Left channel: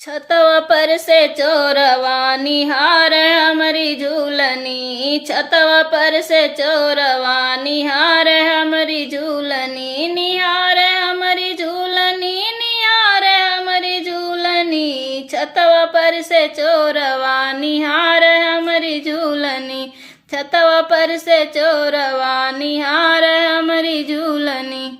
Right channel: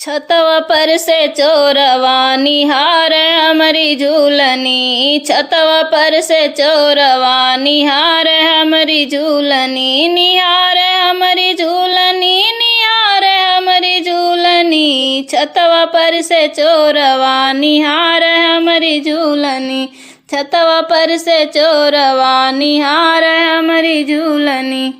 छतवा पर से चोरवा निहार हमारी झूलनी, छतवा पर से चोरवा निहार हमारी झूलनी, निहार हमारी झूलनी, निहार हमारी झूलनी। छतवा पर से चोरवा निहार हमारी झूलनी, छतवा पर से चोरवा निहार हमारी झूलनी।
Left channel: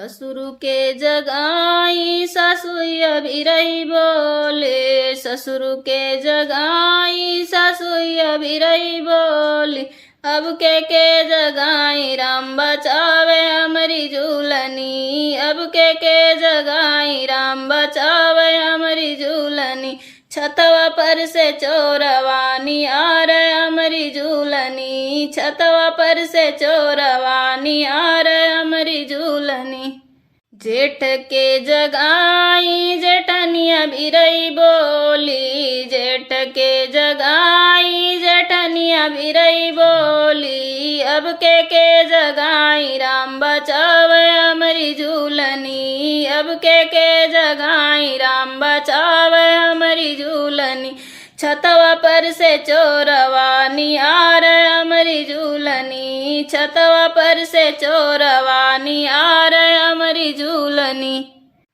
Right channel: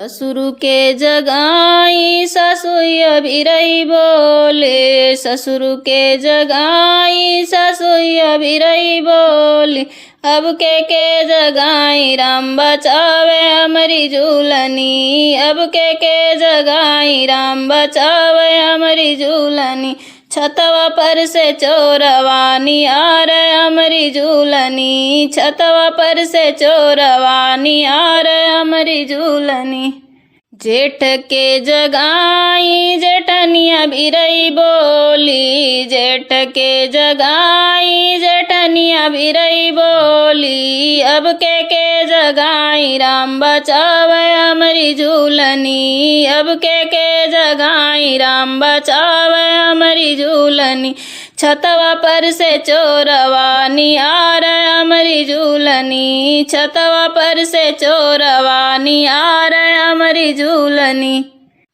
ससुर के जगाई सासुई अभी रही बोले, ससुर के जगाई सासुई अभी रही बोली। अब के जगाई राम बचावे हमारी झूलनी, अब के जगाई राम बचावे हमारी झूलनी। छतवा पर से चोरवा निहार हमारी झूलनी, छतवा पर से चोरवा निहार हमारी झूलनी। जेठ के जगाई जेठनिया भी रही बोली, जेठ के जगाई जेठनिया भी रही बोली। अब के जगाई राम बचावे हमारी झूलनी, अब के जगाई राम बचावे हमारी झूलनी। छतवा पर से चोरवा निहार हमारी झूलनी, छतवा पर से चोरवा निहार हमारी झूलनी।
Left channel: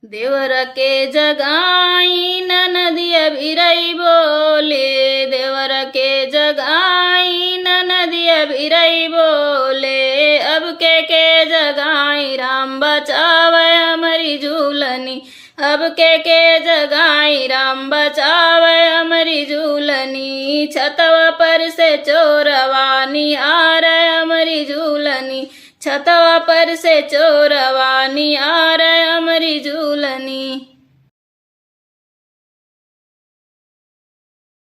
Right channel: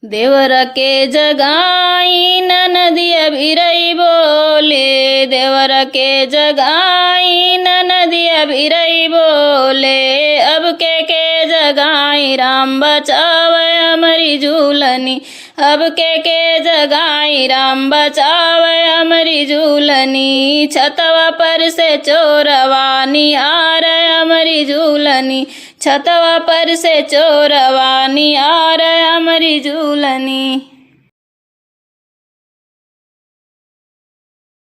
देवर के जगाई ननदिया भी रही बोले, देवर के जगाई ननदिया भी रही बोले। अब के जगाई राम बचावे हमारी झूलनी, अब के जगाई राम बचावे हमारी झूलनी। छतवा पर से चोरवा निहार हमारी झूलनी, छतवा पर से चोरवा निहार हमारी झूलनी।